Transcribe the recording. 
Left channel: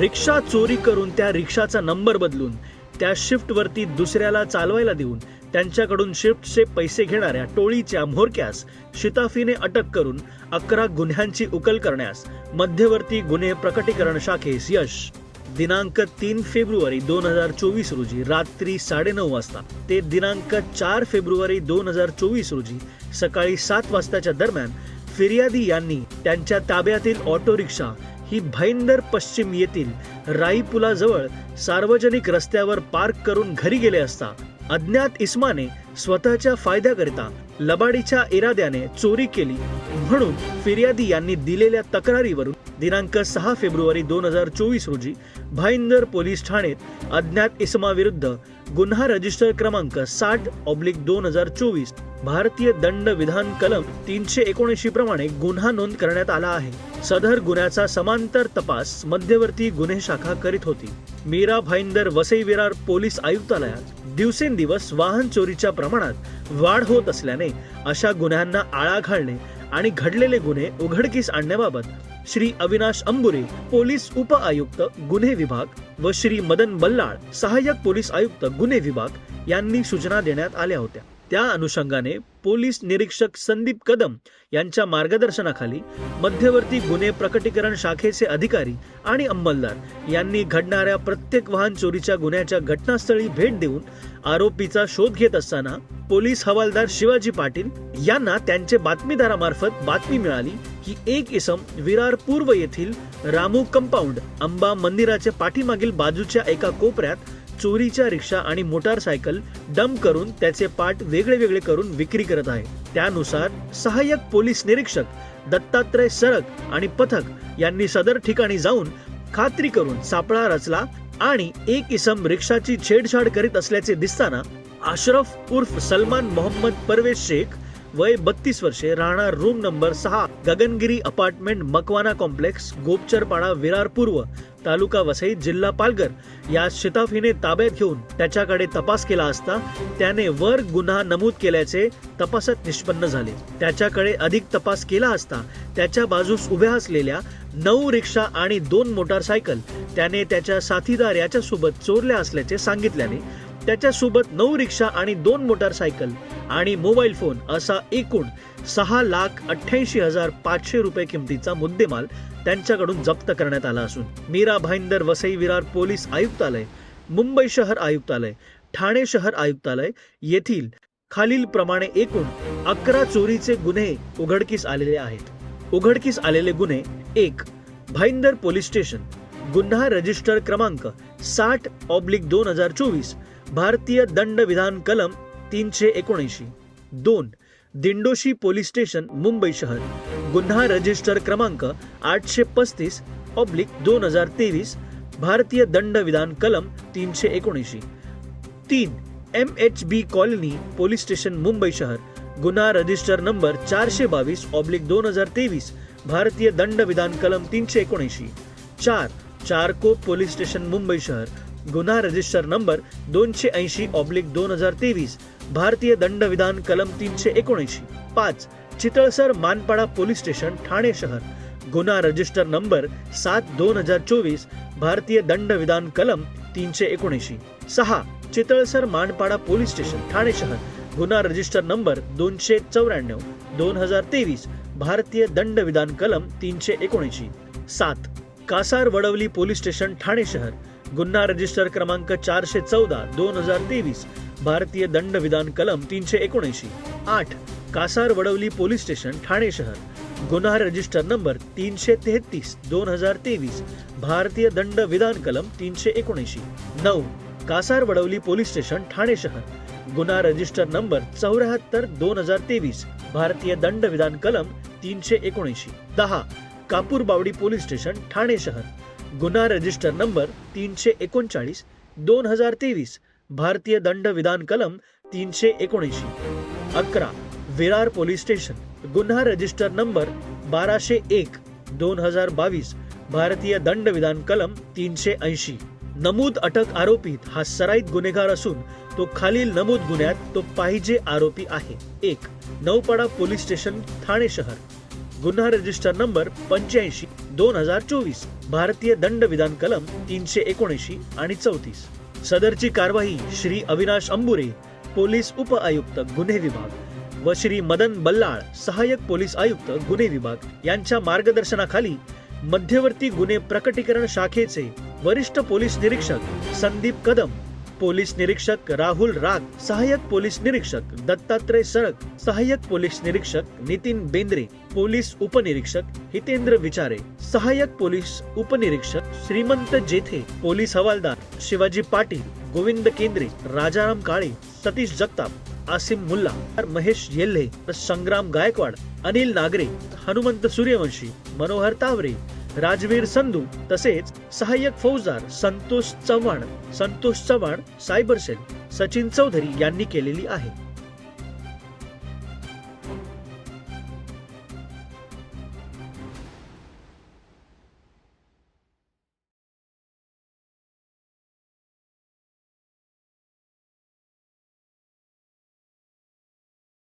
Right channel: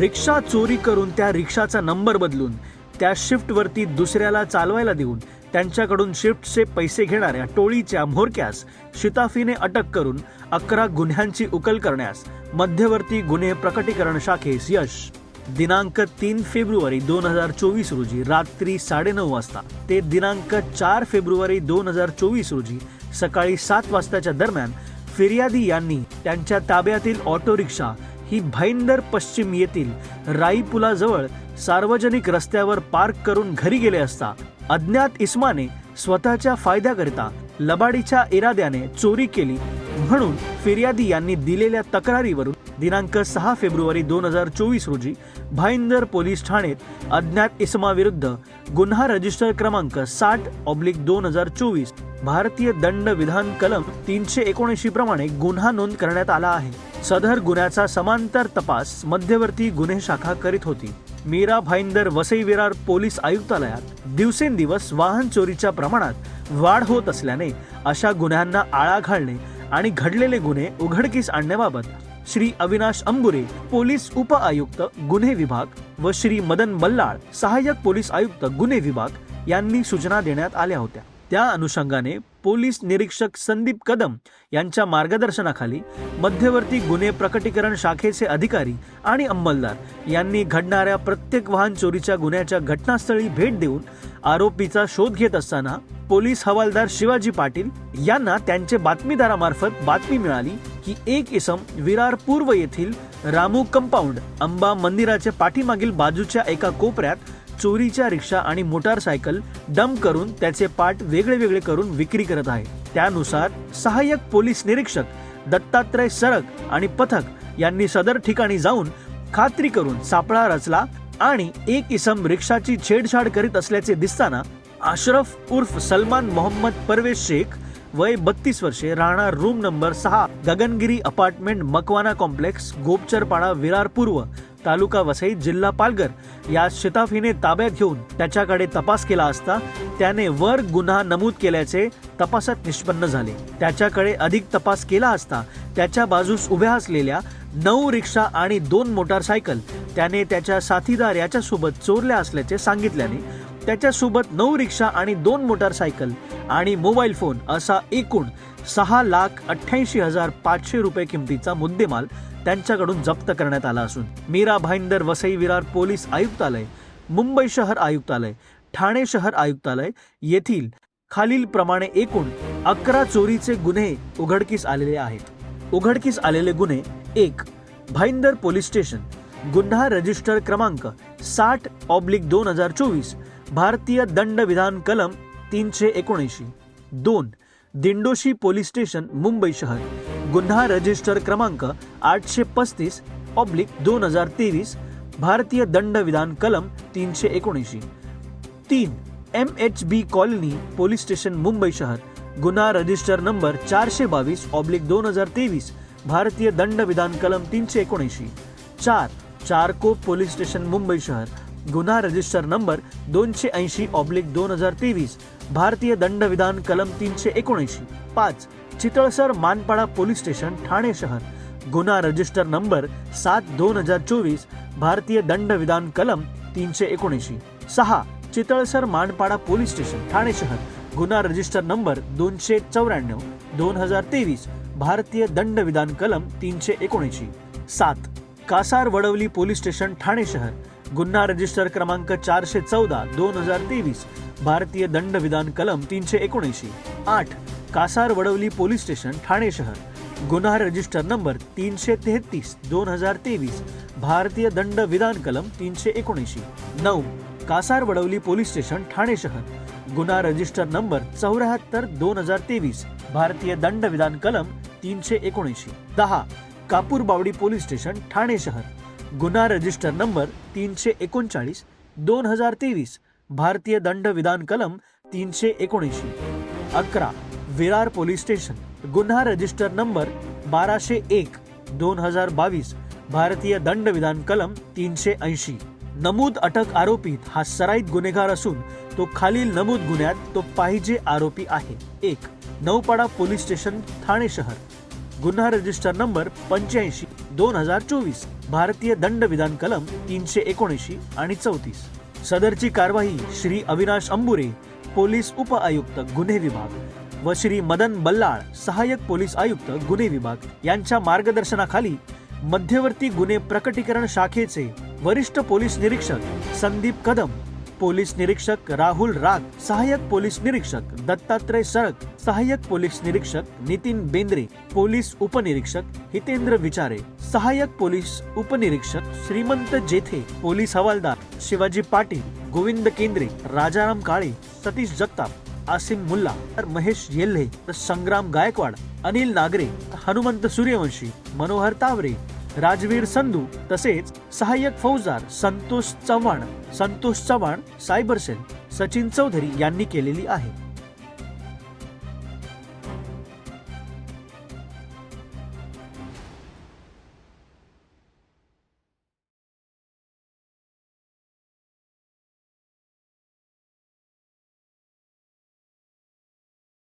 रिक्षा चोरी करून त्या रिक्षाचा नंबर बदलून त्या शिफ्टवरती दुसऱ्याला चालवायला देऊन त्यांच्याकडून शिफ्टचे पैसे घेणाऱ्या टोळीच्या म्होरक्यास शिताफीने अटक करून अकरा गुन्ह्यांची उकल करण्यास मध्यवर्ती गुन्हे प्रकटीकरण शाखेस यश. दिनांक तीन फेब्रुवारी दोन हजार चोवीस रोजी रात्री साडेनऊ वाजता ते दिनांक चार फेब्रुवारी दोन हजार चोवीस रोजी सकाळी सात वाजताच्या दरम्यान फिर्यादी यांनी त्यांच्या ताब्यातील ऑटो रिक्षा ही भाईंदर पश्चिम येथील राईपुलाजवळ सार्वजनिक रस्त्यावर पार्क करून घरी गेले असता अज्ञात इस्माने स्वतःच्या फायद्याकरिता लबाडीच्या इराद्याने चोरी केली म्हणून फिर्यादी यांनी दिलेल्या तक्रारीवरून दिनांक सहा फेब्रुवारी दोन हजार चोवीस रोजी भाईंदर पोलीस ठाण्यात अज्ञात इसमाविरुद्ध गुन्हा रजिस्टर क्रमांक साठ ऑब्लिक दोन हजार चोवीस भारतीय दंड विधान कलम तीनशे एकोणऐंशी प्रमाणे गुन्हा नोंद करण्यात आला आहे. सदर गुन्ह्याचा समांतर तपास मध्यवर्ती गुन्हे शाखा करीत होती. मीरा भाईंदर वसई विरार पोलीस आयुक्तालयात दिवसेंदिवस वाहन चोरीच्या प्रमाणात वाढ होत असल्याने अशा गुन्ह्यांना आळा घालणे आणि घडलेले गुन्हे उघडकीस आणण्याबाबत श्री अविनाश अंबुरे पोलीस उप आयुक्त गुन्हे विभाग व श्री मदन बल्लाळ सहाय्यक पोलीस आयुक्त गुन्हे विभाग यांनी सूचना देण्यात आल्या होत्या. त्या अनुषंगाने पोलीस निरीक्षक संदीप कदम यांच्या मार्गदर्शनाखाली मध्यवर्ती गुन्हे प्रकटीकरण शाखेचे अधिकारी आणि अंमलदार यांनी घडणाऱ्या प्रत्येक वाहन चोरीच्या गुन्ह्याच्या घटनास्थळी भेट देऊन आरोपीचा शोध घेत असताना पोलीस हवालदार शिवाजी पाटील यांना त्यांचे बातमीदारामार्फत बातमी मिळाली की एक इसम विरार पूर्व येथील रामू कंपाऊंड अंबा मंदिराच्या पाठीमागील बाजूच्या एका कोपऱ्यात चोरीच्या रिक्षा आणि मोटारसायकल डंप करून त्याचे पार्ट वेगळे वेगळे करून विक्री करत आहे. त्यानुसार सहाय्यक पोलीस निरीक्षक दत्तात्रय सरक आणि पथक यांनी सदर ठिकाणी जाऊन खात्री करून सापळा रचला आणि एक इसम रिक्षाची छेडछाड करीत असल्याचे दिसताना अशरफ उर्फ सलमान मोहम्मद परवेश शेख वय बत्तीस वर्षे राहणार रूम नंबर सहा गगनगिरी अपार्टमेंट मकवाना कॉम्प्लेक्स गोपचरपाडा विरार पूर्व तालुका वसई जिल्हा पालघर या शिताफीने ताब्यात घेऊन त्याच्याकडे तपास केला असता त्याने वर गुन्हा नमूद केल्याचे तपासात निष्पन्न झाले. त्याच्याकडे अधिक तपास केला असता त्याच्या बाजूस उभ्या असलेल्या नऊ रिक्षा आणि दोन मोटारसायकल त्याने त्याच्या साथीदार याच्यासोबत चोरल्या असल्याचे सांगितल्याने त्याच्यासोबत नऊ रिक्षा आणि दोन मोटारसायकल आणि मोबाईल फोन असा एकूण सहा लाख अठ्ठ्याऐंशी हजार पाचशे रुपये किमतीचा मुद्देमाल त्यांच्याकडून जप्त करण्यात आला असून मीरा भाईंदर वसई विरार पोलीस आयुक्तालय मुंबई शहर आयुक्तालय ठाणे शहर आयुक्तालय येथील खालील प्रमाणे एकूण अकरा चोरीचे गुन्हे उघडकीस आलेले आहेत. उघडकीस आलेले गुन्हे एक भाईंदर पोलीस स्टेशन गुन्हा रजिस्टर क्रमांक साठ ऑब्लिक दोन हजार चोवीस भारतीय दंड विधान कलम तीनशे एकोणऐंशी. दोन दिंडोशी पोलीस स्टेशन मुंबई शहर. गुन्हा रजिस्टर क्रमांक आठशे पस्तीस ऑब्लिक दोन हजार तेवीस भारतीय दंड विधान कलम तीनशे एकोणऐंशी. तीन M H B colony police station Mumbai शहर. गुन्हा रजिस्टर नंबर चारशे बावीस ऑब्लिक दोन हजार तेवीस भारतीय दंड विधान कलम तीनशे एकोणऐंशी. चार चारको पोलीस स्टेशन मुंबई शहर. गुन्हा रजिस्टर नंबर दोनशे ऐंशी ऑब्लिक दोन हजार तेवीस भारतीय दंड विधान कलम तीनशे एकोणऐंशी पाच चितळसर मानपाडा पोलीस स्टेशन ठाणे शहर. गुन्हा रजिस्टर नंबर सात दोन हजार चोवीस भारतीय दंड विधान कलम तीनशे एकोणऐंशी. सहा चितळसर मानपाडा पोलीस स्टेशन ठाणे शहर. गुन्हा रजिस्टर नंबर दोनशे चौऱ्याण्णव दोन हजार तेवीस भारतीय दंड विधान कलम तीनशे एकोणऐंशी. सात कासार वडवली पोलीस स्टेशन ठाणे शहर. गुन्हा रजिस्टर क्रमांक चारशे चौदा दोन हजार तेवीस भारतीय दंड विधान कलम तीनशे एकोणऐंशी आठ कासार वडवली पोलीस स्टेशन ठाणे शहर. गुन्हा रजिस्टर नंबर तीनशे तेहतीस दोन हजार तेवीस भारतीय दंड विधान कलम तीनशे एकोणऐंशी नऊ कासार वडवली पोलीस स्टेशन ठाणे शहर. गुन्हा रजिस्टर नंबर चौऱ्याहत्तर दोन हजार तेवीस भारतीय दंड विधान कलम तीनशे एकोणऐंशी दहा कापूर बावडी पोलीस स्टेशन ठाणे शहर. गुन्हा रजिस्टर नंबर तीनशे एकोणचाळीस दोन हजार तेवीस भारतीय दंड विधान कलम तीनशे एकोणऐंशी. अकरा विरार पोलीस स्टेशन गुन्हा रजिस्टर नंबर बाराशे एक दोन हजार बावीस भारतीय दंड विधान कलम तीनशे ऐंशी. नमूद अटक आरोपीत हा सराईत गुन्हेगार असून तो खालील नमूद गुन्ह्यात तो पाहिजे आरोपी आहे. एक नौपाडा पोलीस स्टेशन ठाणे शहर. गुन्हा रजिस्टर नंबर पंच्याऐंशी दोन हजार चोवीस भारतीय दंड विधान कलम तीनशे एकोणऐंशी आणि चौतीस. सदरची कारवाई श्री अविनाश अंबुरे पोलीस उप आयुक्त गुन्हे विभाग व श्री मदन बल्लाळ सहाय्यक पोलीस आयुक्त गुन्हे विभाग यांच्या मार्गदर्शनाखाली मध्यवर्ती गुन्हे प्रकटीकरण शाखेचे वरिष्ठ पोलीस निरीक्षक संदीप कदम पोलीस निरीक्षक राहुल राग सहाय्यक पोलीस निरीक्षक दत्तात्रय सळक सहाय्यक पोलीस निरीक्षक नितीन बेंद्रे पोलीस उपनिरीक्षक हितेंद्र विचारे सहाय्यक पोलीस उपनिरीक्षक श्रीमंत जेथे पोलीस हवालदार शिवाजी पाटील गोविंद केंद्रे राजाराम काळे सतीश जगताप आसिम मुल्ला महेश येल्हे संग्राम गायकवाड अनिल नागरे हनुमंत सूर्यवंशी मनोहर तावरे राजवीर संधू तसेच सहाय्यक फौजदार संतोष चव्हाण संतोष चव्हाण सायबर सेल सचिन चौधरी यांनी केलेली आहे.